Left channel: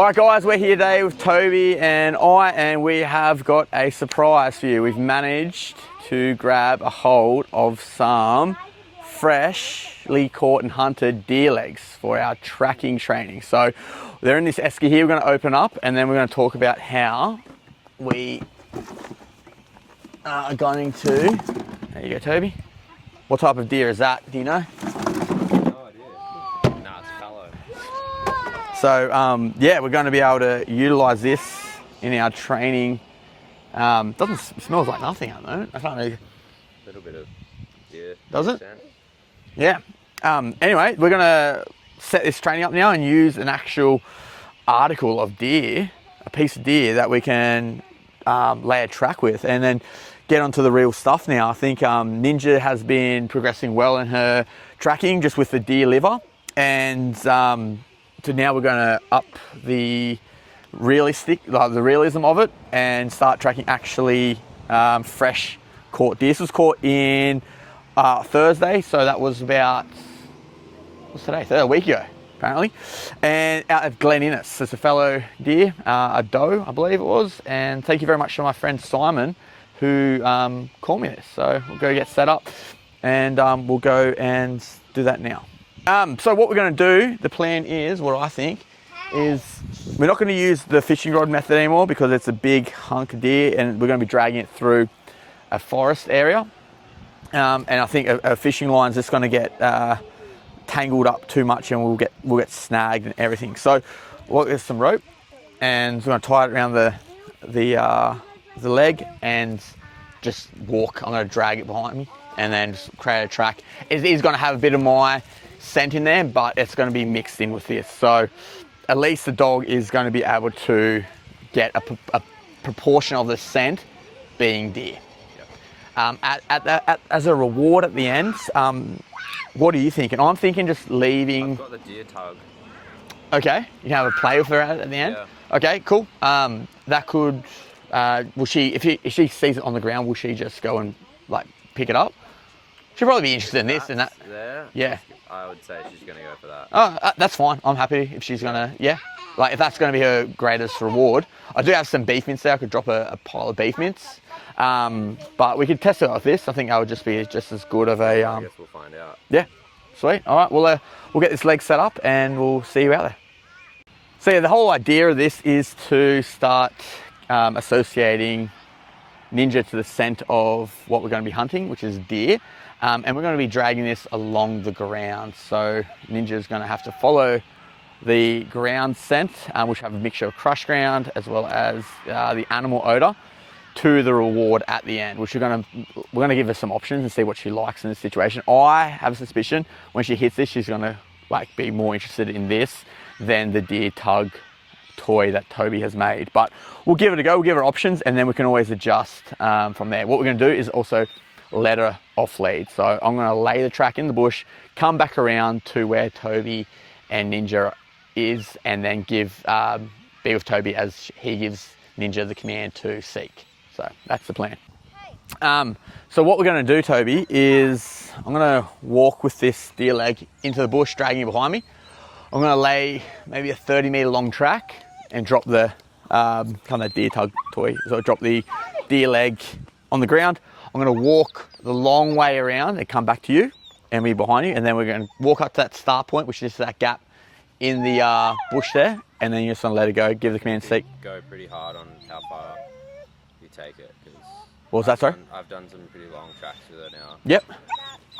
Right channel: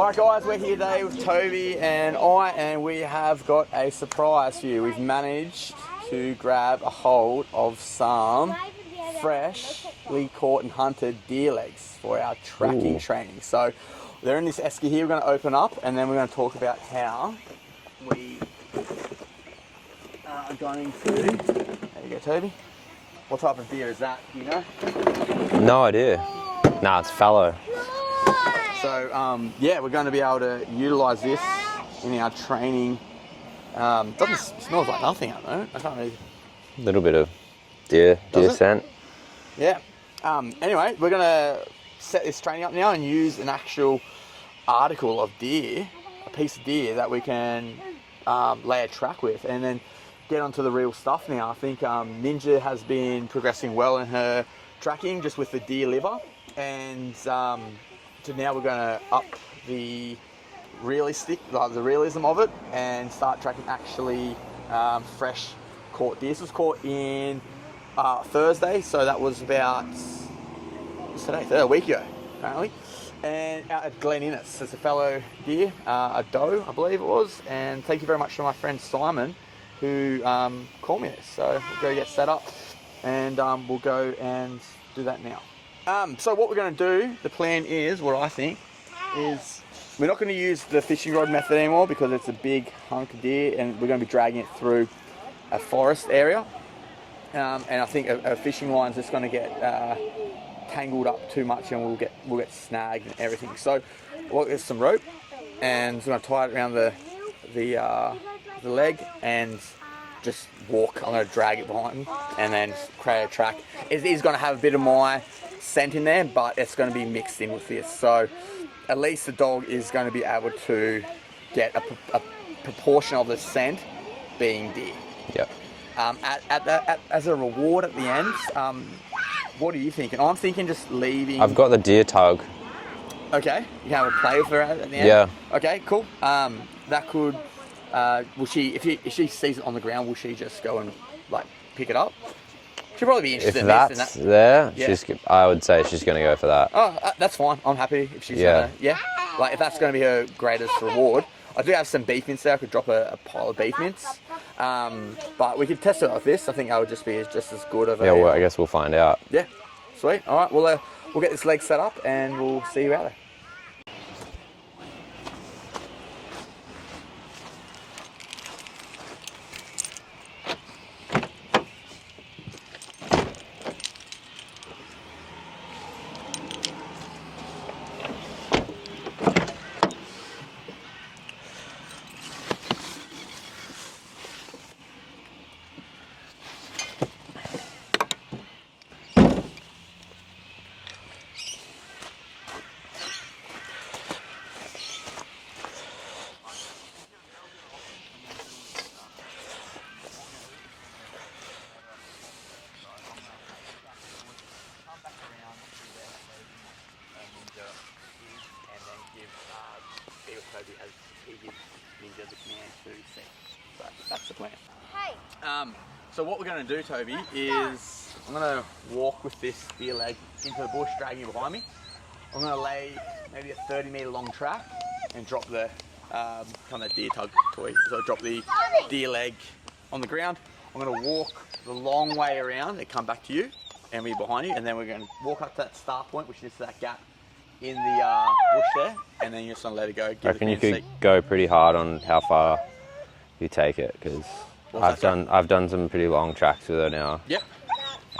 All right, guys, we're here today with Toby and we have got a surprise for you. We've managed to grab a hold of some freshly caught and hunted deer legs for our tracking training. So they're in this esky here. We're going to open up and then we're going to talk about how we are going to. There you go, Toby. What type of deer is that? Do you know? No idea. Nah, it's fallow. So yeah, we're going to be able to utilise this in our training. It smells like nothing at the moment. I can't really. A little bit of deer scent. Yeah. Anyway, we're going to set this training up now and use an actual article of deer, a piece of deer that we can lay a track with, and then get onto the real stuff now. I think Ninja has been progressing well in her tracking just with the deer liver, and so now we're going to up the realism of it and start tracking actually fresh caught deer. This was caught in Thursday, so that was about, what's today? A week ago, apparently. And out of Glen Innes, it's a fellow deer, a doe, I believe it was. And thank you very much to my friend Simon, who called me this. So we'll go get set up and we'll go and do that now. So what we're going to do, the plan is, what I think, is we're not going to use the fishing rod method anymore because it's a big hunk of deer and we're going to be dragging it through a forest area. And I think a fishing line's just going to get tangled up too much and we'll get snagged and everything. So we'll get some rope and we're going to tie it around the leg and just walk. I'm going to drag it behind me and then just create a track. It is going to have a bit of my scent in there, but it's going to be mixed in with this. So at least the dog is going to be able to get a proportion of the scent being deer. Yep. As a reward at the end, what are you thinking? I'm thinking just leaving. I've got the deer tug. Okay, you can have a play with her at the end. Yeah. Okay, cool. That could. Will she? If she sees it on the ground, will she just go and like pick it up? She'll probably be interested in this. And that. There, yeah. I would say she's going to go for that. Oh, that's fine. I'm happy if she's gonna. Yeah. Like if that's going to be her greatest reward. I do have some beef mints there. I could drop a pile of beef mints. But we could test it like this. I think that would just be just as good of a. Yeah, well, I guess we'll find out. Yeah, sweet. All right, we'll get this leg set up and we'll see you out there. So yeah, the whole idea of this is to start associating Ninja to the scent of what we're going to be hunting, which is deer. And we're going to be dragging this along the ground. So Ninja's going to have to follow the ground scent, which have a mixture of crushed ground as well as the animal odor, to the reward at the end, which we're going to give her some options and see what she likes in this situation. I have a suspicion when she hits this, she's going to like be more interested in this than the deer tug toy that Toby has made. But we'll give it a go. We'll give her options, and then we can always adjust from there. What we're going to do is also let her off lead. So I'm going to lay the track in the bush, come back around to where Toby and Ninja is, and then be with Toby as he gives Ninja the command to seek. So that's the plan. So what we're going to do, Toby, is I'm going to walk with this deer leg into the bush, dragging it behind me. I'm going to lay maybe a 30-meter long track and drop the kind of deer tug toy. So drop the deer leg on the ground. I'm going to walk the long way around and come back to you and be behind you. And then we're going to walk up to that start point, which is that gap in the bush there. And then you're just going to let it go, give the command seek. Go pretty hard on how far you take it, because I've done some pretty long tracks with her now. Yep.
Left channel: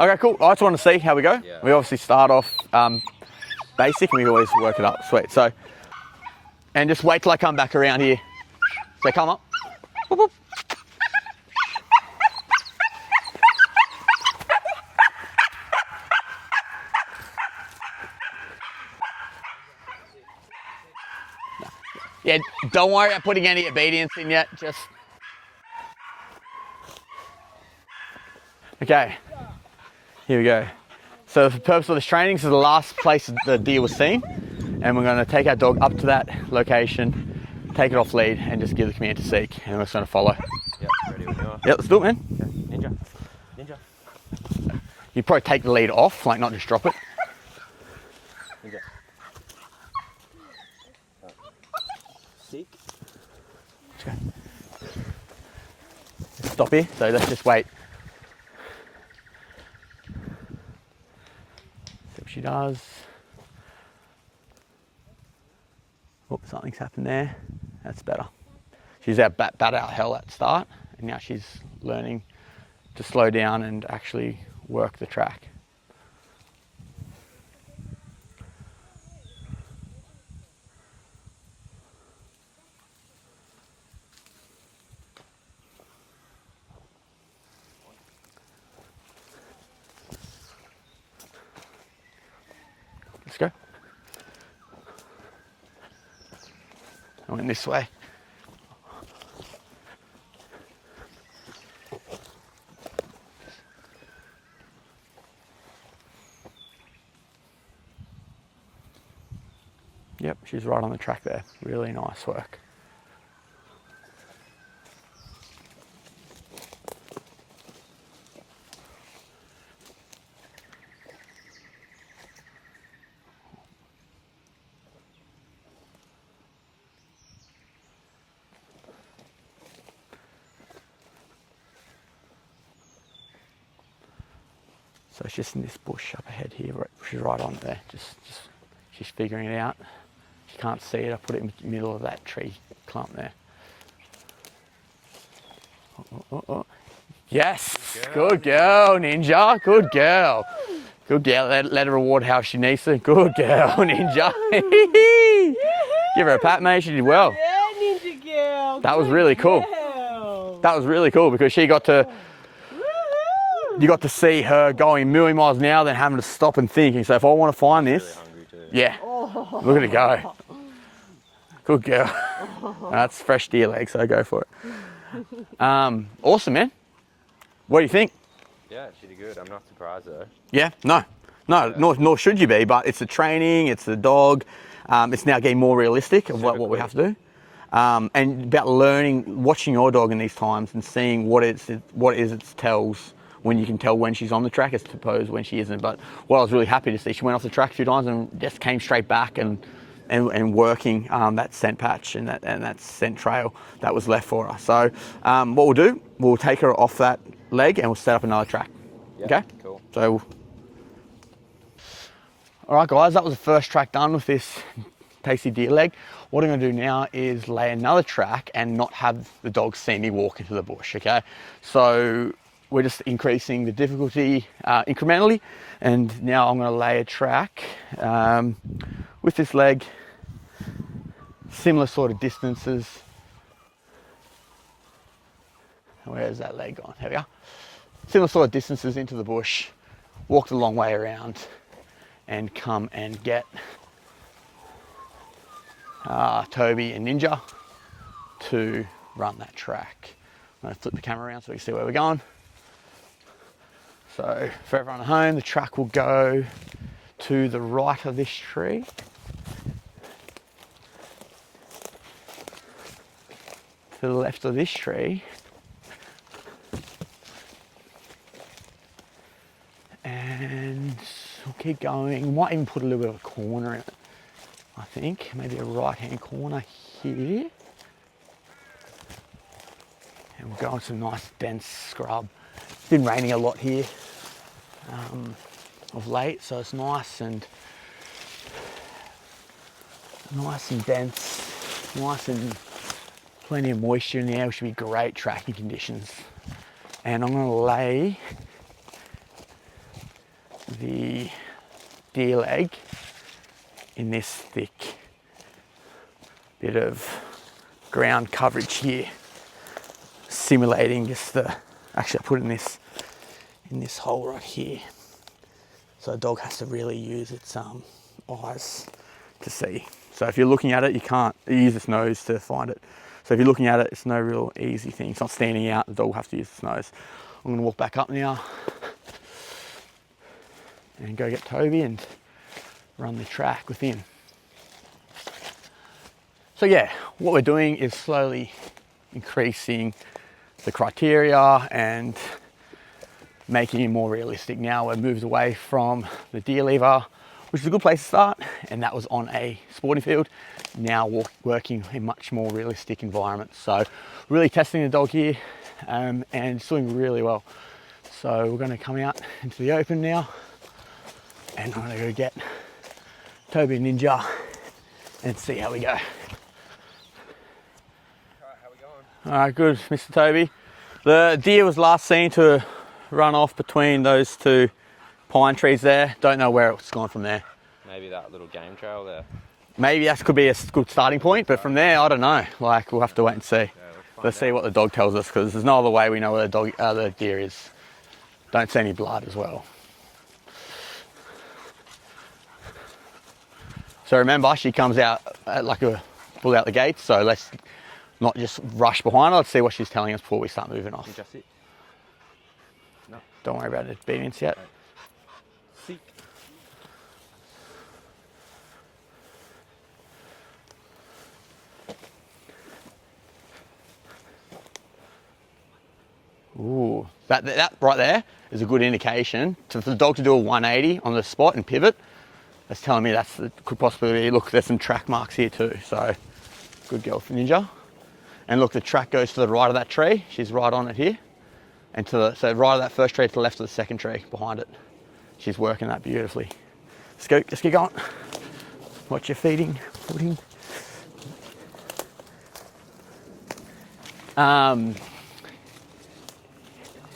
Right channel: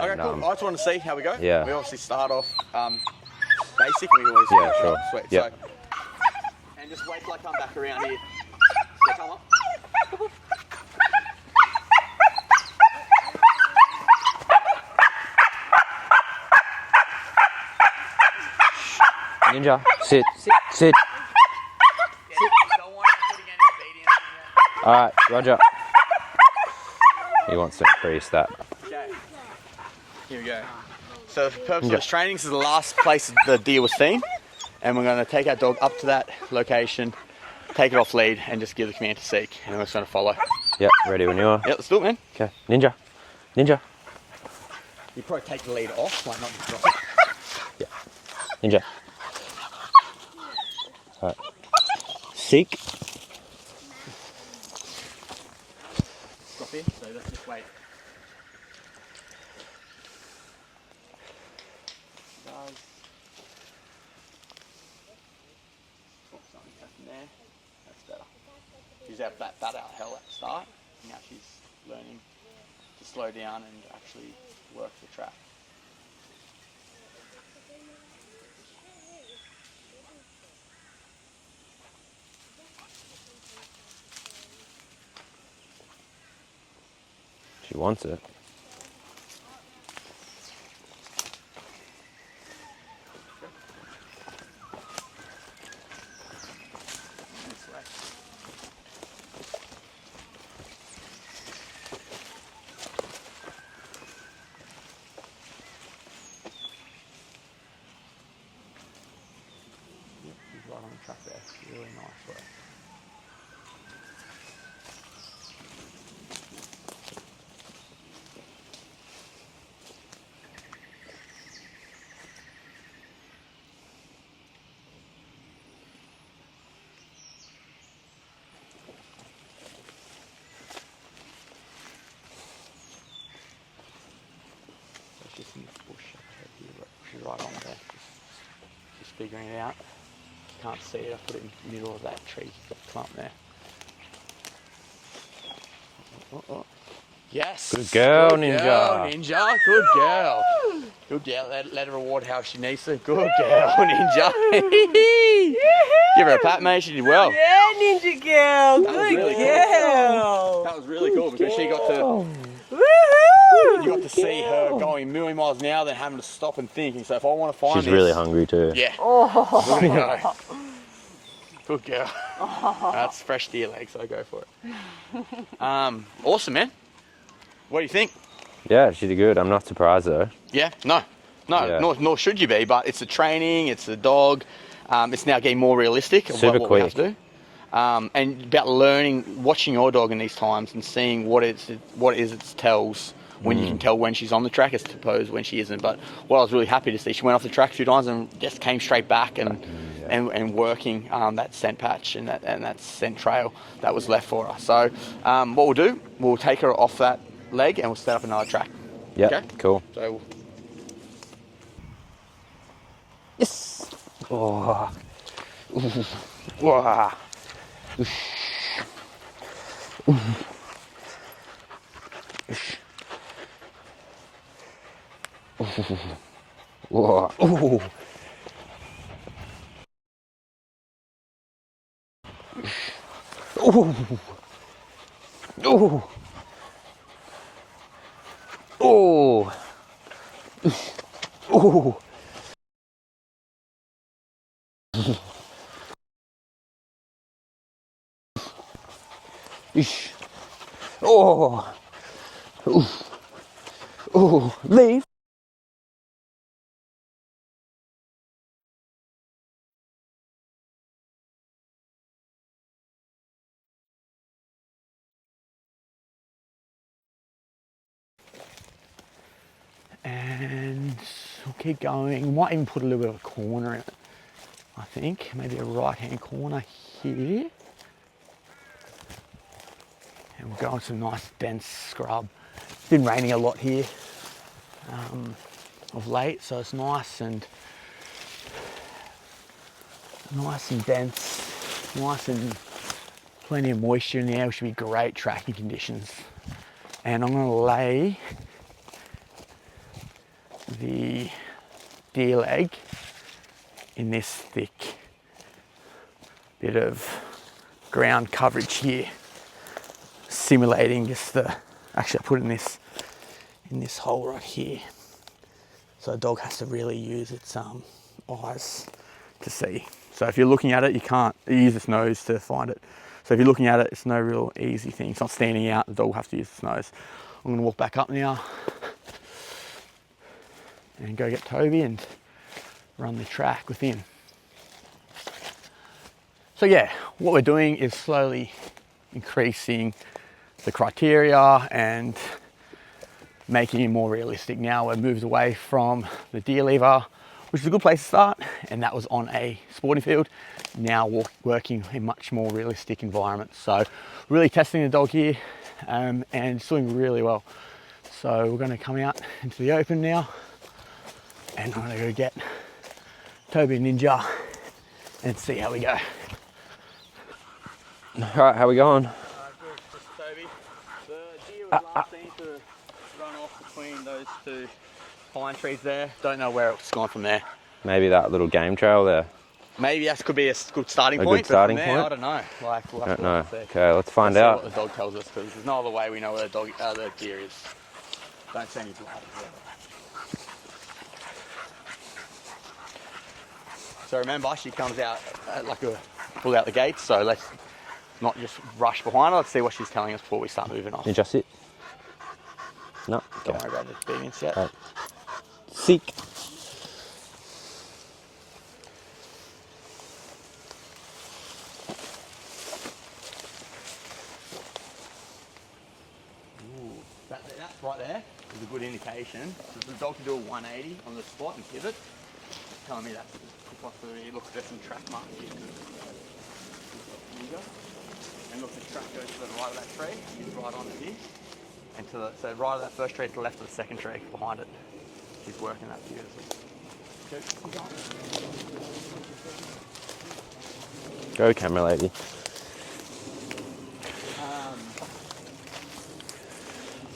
Okay, cool. I just want to see how we go. Yeah. We obviously start off basic and we always work it up. Sweet. Yep. So, and just wait till I come back around here. So come up. Ninja, sit. Yeah, don't worry about putting any obedience in yet. Just... All right, Roger. He wants to increase that. Okay, here we go. So for the purpose of this training, this is the last place the deer was seen. And we're going to take our dog up to that location, take it off lead, and just give the command to seek. And we're just going to follow. Yep, ready when you are. Yep, let's do it, man. Okay, Ninja. You probably take the lead off, like not just drop it. Yeah. Ninja. All right. sick. Stop here, so let's just wait. If she does. Oh, something's happened there. That's better. She's out bat out hell at the start, and now she's learning to slow down and actually work the track. She wants it. Let's go. I went this way. Yep, she's right on the track there. Really nice work. So it's just in this bush up ahead here. She's right on there. Just she's figuring it out. You can't see it. I put it in the middle of that tree clump there. Oh. Yes. Good girl, Good Ninja. girl, Ninja. Good girl. Good girl. Let her reward how she needs to. Good girl, Ninja. Give her a pat, mate. She did well. Yeah, Ninja girl. That was Good really cool. girl. That was really cool because she got to. You got to see her going a million miles an hour, then having to stop and thinking. So if I want to find She's this, really hungry too. yeah, we're gonna go. Good girl. That's fresh deer leg, so go for it. Awesome, man. What do you think? Yeah, she did good. I'm not surprised though. Yeah, no, Yeah. nor should you be. But it's the training, it's the dog. It's now getting more realistic of Super what we have to do. And about learning, watching your dog in these times and seeing what is its tells. When you can tell when she's on the track as opposed when she isn't. But what I was really happy to see, she went off the track a few times and just came straight back and working that scent patch and that scent trail that was left for her. So what we'll do, we'll take her off that leg and we'll set up another track. Yeah, Okay? cool. So, all right, guys, that was the first track done with this tasty deer leg. What I'm going to do now is lay another track and not have the dog see me walk into the bush, okay? So we're just increasing the difficulty incrementally, and now I'm going to lay a track with this leg, similar sort of distances. Where's that leg gone? Here we go. Similar sort of distances into the bush. Walk the long way around and come and get Toby and Ninja to run that track. I'm gonna flip the camera around so we can see where we're going. So, run home, the track will go to the right of this tree. To the left of this tree. And we'll keep going. Might even put a little bit of a corner in it, I think. Maybe a right-hand corner here. And we'll go on some nice dense scrub. It's been raining a lot here of late, so it's nice and dense, nice and plenty of moisture in the air, which should be great tracking conditions. And I'm going to lay the deer leg in this thick bit of ground coverage here, simulating just actually I put it in this hole right here. So the dog has to really use its eyes to see. So if you're looking at it, you can't use its nose to find it. So if you're looking at it, it's no real easy thing. It's not standing out, the dog will have to use its nose. I'm gonna walk back up now and go get Toby and run the track with him. So yeah, what we're doing is slowly increasing the criteria and making it more realistic. Now we've moved away from the deer lever, which is a good place to start, and that was on a sporting field. now working in much more realistic environments. So really testing the dog here and it's doing really well. So we're going to come out into the open now and I'm going to go get Toby Ninja and see how we go. All right, how we going? All right, good, Mr. Toby. The deer was last seen to run off between those two pine trees there. Don't know where it's gone from there. Maybe that little game trail there. Maybe that could be a good starting point, but from there, I don't know. Like, we'll have to wait and see. Okay, let's find Let's out. see what the dog tells us, because there's no other way we know where the deer is. Don't see any blood as well. So remember, she comes out pull out the gates, so let's not just rush behind her. Let's see what she's telling us before we start moving off. You just sit. No. Don't worry about obedience yet. Right. Seek. Ooh, that right there is a good indication. So for the dog to do a 180 on the spot and pivot, that's telling me could possibly be. Look, there's some track marks here too. So good girl for Ninja. And look, the track goes to the right of that tree. She's right on it here. And so right of that first tree to the left of the second tree behind it. She's working that beautifully. Let's go, just keep going. Watch your feeding, footing. Go, camera lady.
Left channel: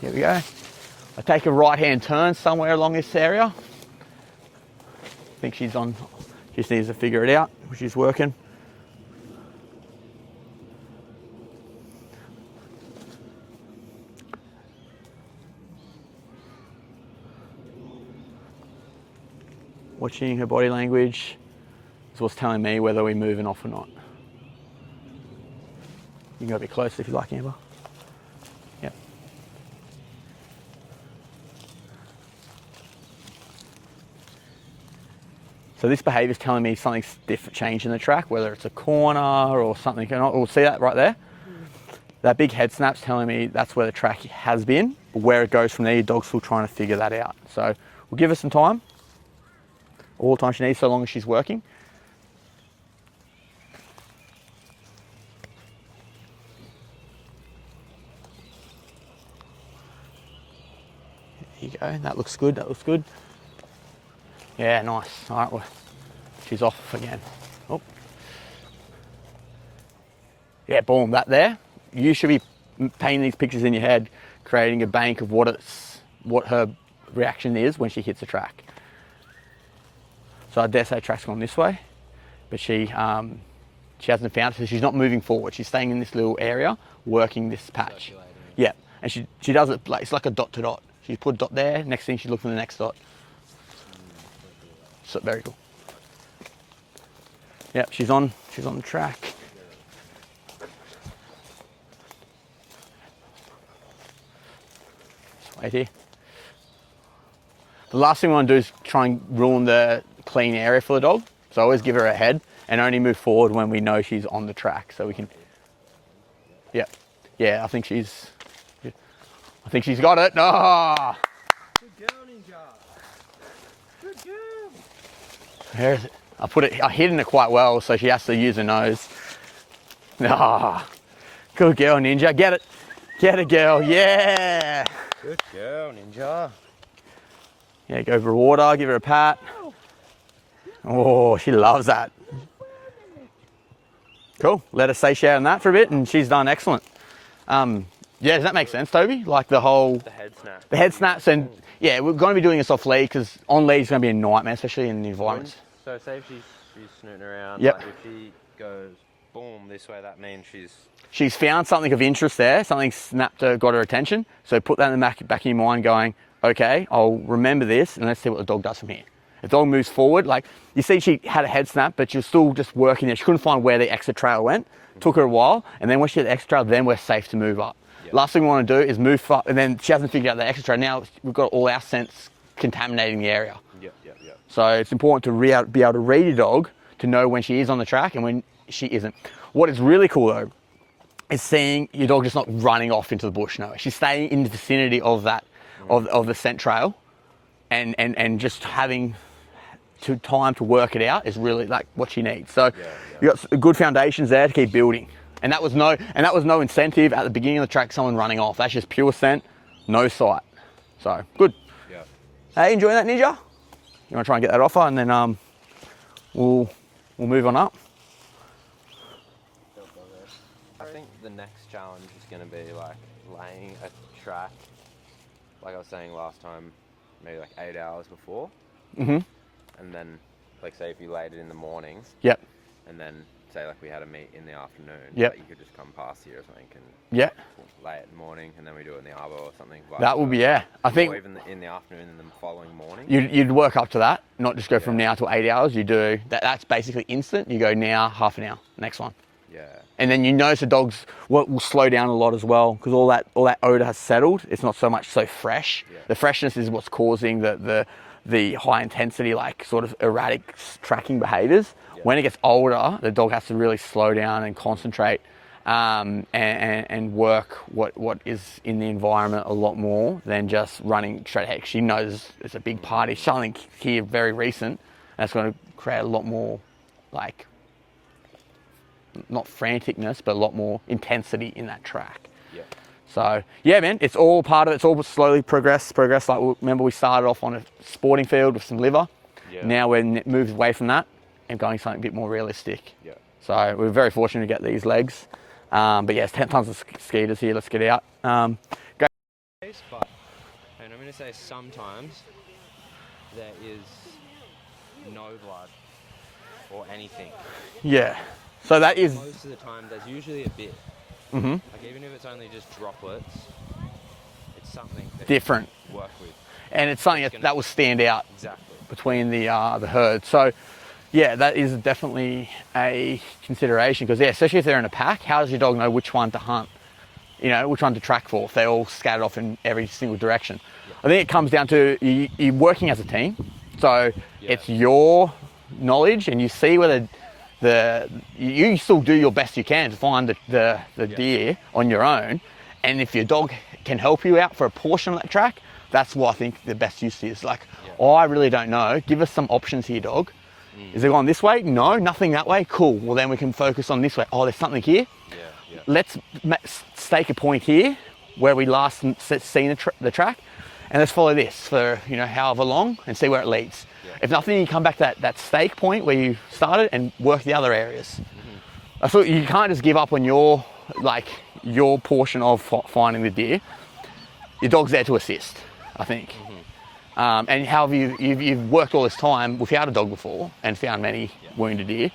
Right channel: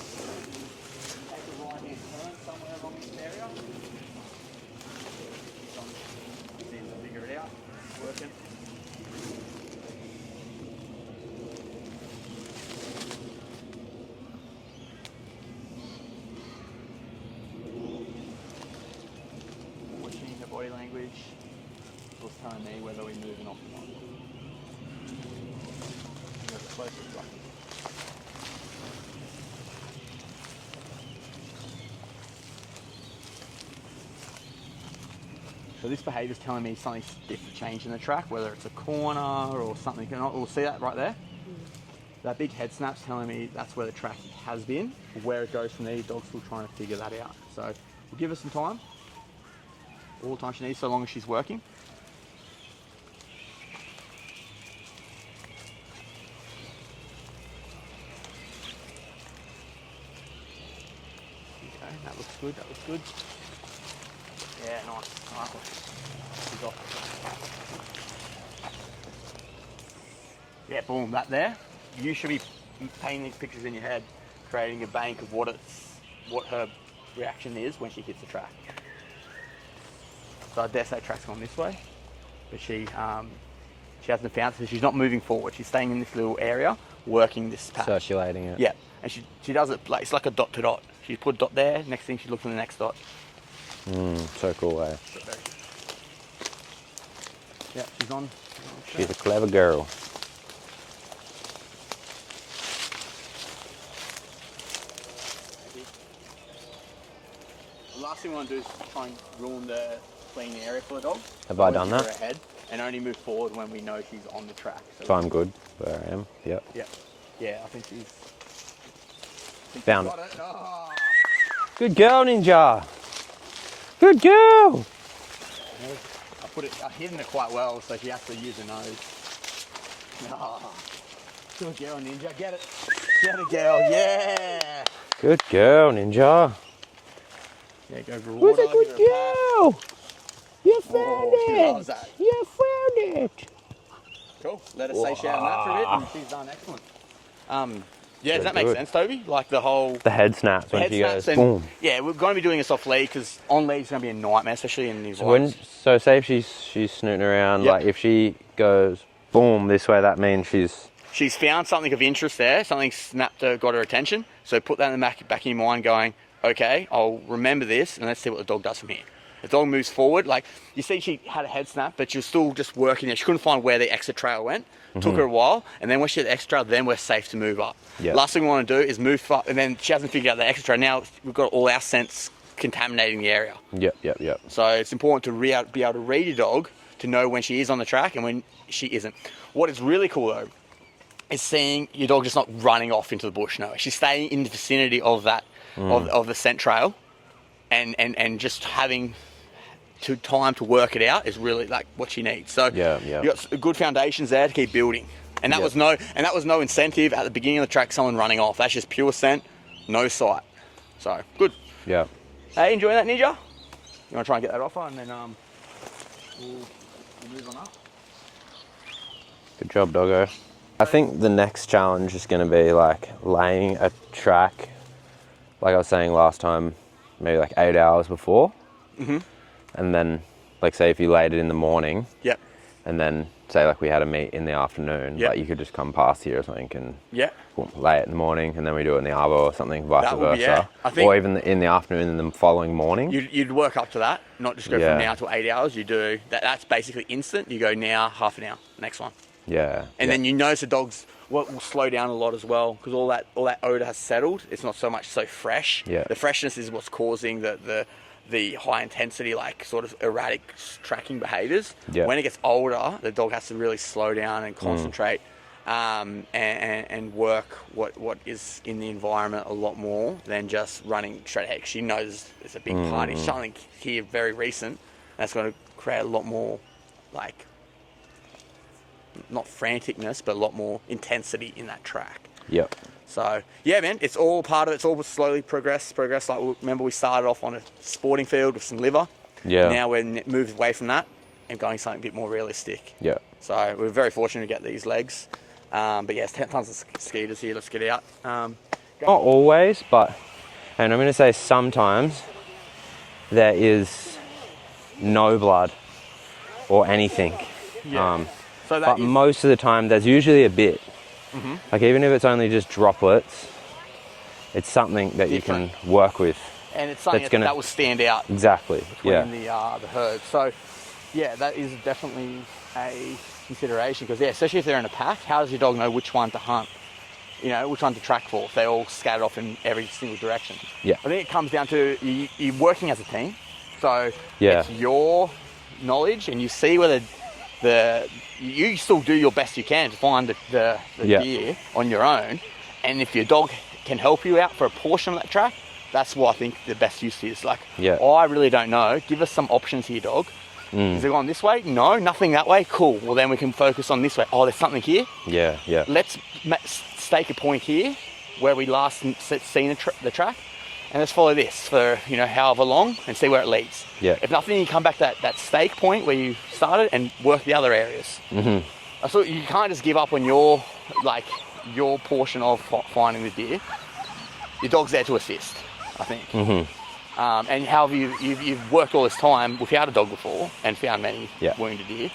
Here we go. I take a right-hand turn somewhere along this area. I think she's on, just needs to figure it out. She's working. Watching her body language is what's telling me whether we're moving off or not. You can go a bit closer if you like, Amber. Yep. So this behaviour is telling me something's different, change in the track, whether it's a corner or something. We'll see that right there. That big head snap's telling me that's where the track has been. Where it goes from there, your dog's still trying to figure that out. So we'll give her some time. All the time she needs, so long as she's working. There you go, that looks good, that looks good. Yeah, nice. All right, well, she's off again. Oh. Yeah, boom, that there. You should be painting these pictures in your head, creating a bank of what her reaction is when she hits the track. So I dare say track's gone this way, but she hasn't found it, so she's not moving forward. She's staying in this little area, working this patch. Circulating it. Yeah, and she does it, it's like a dot to dot. She's put a dot there, next thing she's looking for the next dot. So cool, eh? So, very cool. Yep, she's on the track. She's a clever girl. Right here. The last thing we want to do is try and ruin the clean area for the dog. So I always give her a head and only move forward when we know she's on the track. So I'm good where I am. Yep. Yep. Yeah, I think she's got it. Oh. Good girl, Ninja. Good girl. I hidden it quite well, so she has to use her nose. Ah. Good girl, Ninja. Get it. Get it, girl. Yeah. Good girl, Ninja. Yeah, go for water, give her a pat. Oh, she loves that. You found it. Cool. Let her satiate on that for a bit, and she's done excellent. Yeah, does that make sense, Toby? Like the head snaps. The head snaps, and yeah, we're going to be doing this off lead because on lead is going to be a nightmare, especially in these ones. So say if she's snooting around, like if she goes boom this way, that means she's found something of interest there. Something snapped her, got her attention. So put that in the back of your mind, going, okay, I'll remember this, and let's see what the dog does from here. If the dog moves forward, like you see, she had a head snap, but she was still just working there. She couldn't find where the exit trail went. Took her a while, and then when she had the exit trail, then we're safe to move up. Yep. Last thing we want to do is move far, and then she hasn't figured out the exit trail. Now we've got all our scents contaminating the area. Yep. So it's important to be able to read your dog to know when she is on the track and when she isn't. What is really cool though is seeing your dog just not running off into the bush. No, she's staying in the vicinity of that of the scent trail, and just having time to work it out is really like what she needs. So Yeah. you got good foundations there to keep building. And that was no incentive at the beginning of the track, someone running off. That's just pure scent, no sight. So good. Yeah. Hey, enjoying that, Ninja? You want to try and get that offer, and then we'll move on up. Good job, doggo. I think the next challenge is going to be like laying a track, like I was saying last time, maybe like 8 hours before. And then, like, say if you laid it in the morning. Yep. And then say like we had a meet in the afternoon. Yep. Like you could just come past here or something and lay it in the morning, and then we do it in the arbor or something. Vice That would versa. be, yeah. I think, or even in the afternoon and the following morning. You'd work up to that, not just go Yeah. from now to 8 hours. You do that's basically instant. You go now, half an hour, next one. Yeah. And then you notice the dogs will slow down a lot as well, because all that odor has settled. It's not so much so fresh. Yeah. The freshness is what's causing the high intensity, like sort of erratic tracking behaviours. Yeah. When it gets older, the dog has to really slow down and concentrate and work what is in the environment a lot more than just running straight ahead. She knows it's a big party. Something here very recent that's going to create a lot more, like, not franticness, but a lot more intensity in that track. Yep. So yeah, man, it's all part of it. It's all slowly progress. Like, remember we started off on a sporting field with some liver. Yeah. Now we're moved away from that and going something a bit more realistic. Yeah. So we're very fortunate to get these legs. But yeah, it's 10 tons of skeeters here. Let's get out. Not always, but, and I'm going to say sometimes, there is no blood or anything. Yeah. So that But is most of the time, there's usually a bit. Like even if it's only just droplets, it's something that Different. you can work with. and it's something that will stand out Exactly. between the herd. So yeah, that is definitely a consideration, because especially if they're in a pack, how does your dog know which one to hunt? You know, which one to track for if they're all scattered off in every single direction? Yeah. I think it comes down to you're working as a team. So Yeah. it's your knowledge, and you see whether you still do your best you can to find the deer on your own. And if your dog can help you out for a portion of that track, that's what I think the best use is. Like, oh, I really don't know. Give us some options here, dog. Is it going this way? No, nothing that way. Cool. Well, then we can focus on this way. Oh, there's something here. Yeah, yeah. Let's stake a point here where we last seen the track, and let's follow this for however long and see where it leads. Yeah. If nothing, you come back to that stake point where you started and work the other areas. I thought you can't just give up on your portion of finding the deer. Your dog's there to assist, I think. And however you've worked all this time without a dog before and found many wounded deer.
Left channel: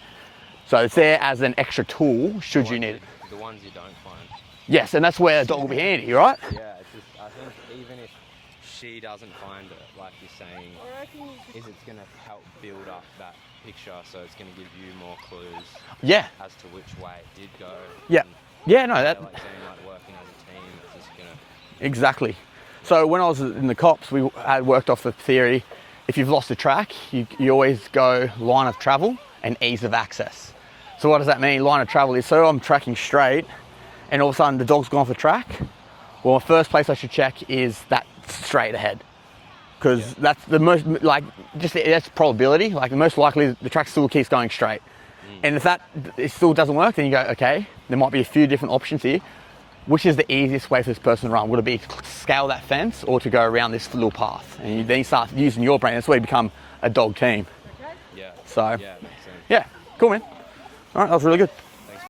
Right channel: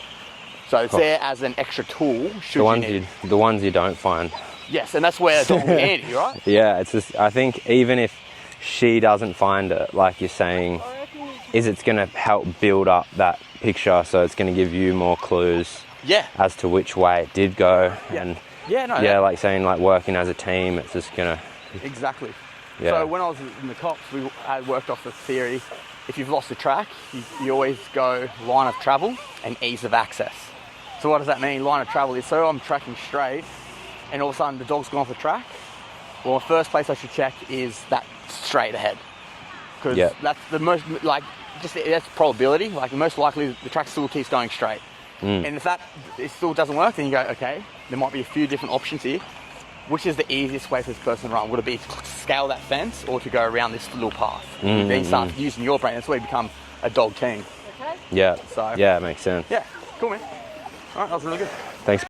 So it's there as an extra tool should you need. The ones you don't find. Yes, and that's where it's all handy, right? Yeah, it's just, I think even if she doesn't find it, like you're saying, it's going to help build up that picture, so it's going to give you more clues as to which way it did go. And like saying, like working as a team, it's just going to... Exactly. Yeah. So when I was in the cops, we had worked off the theory, if you've lost the track, you always go line of travel and ease of access. So what does that mean? Line of travel is, so I'm tracking straight and all of a sudden the dog's gone off the track. Well, the first place I should check is that straight ahead. Because that's the most, that's probability. Like the most likely the track still keeps going straight. And if it still doesn't work, then you go, okay, there might be a few different options here. Which is the easiest way for this person to run? Would it be to scale that fence or to go around this little path? And then you start using your brain. That's where you become a dog team. Yeah. So yeah, it makes sense. Yeah, cool, man. All right, that was really good.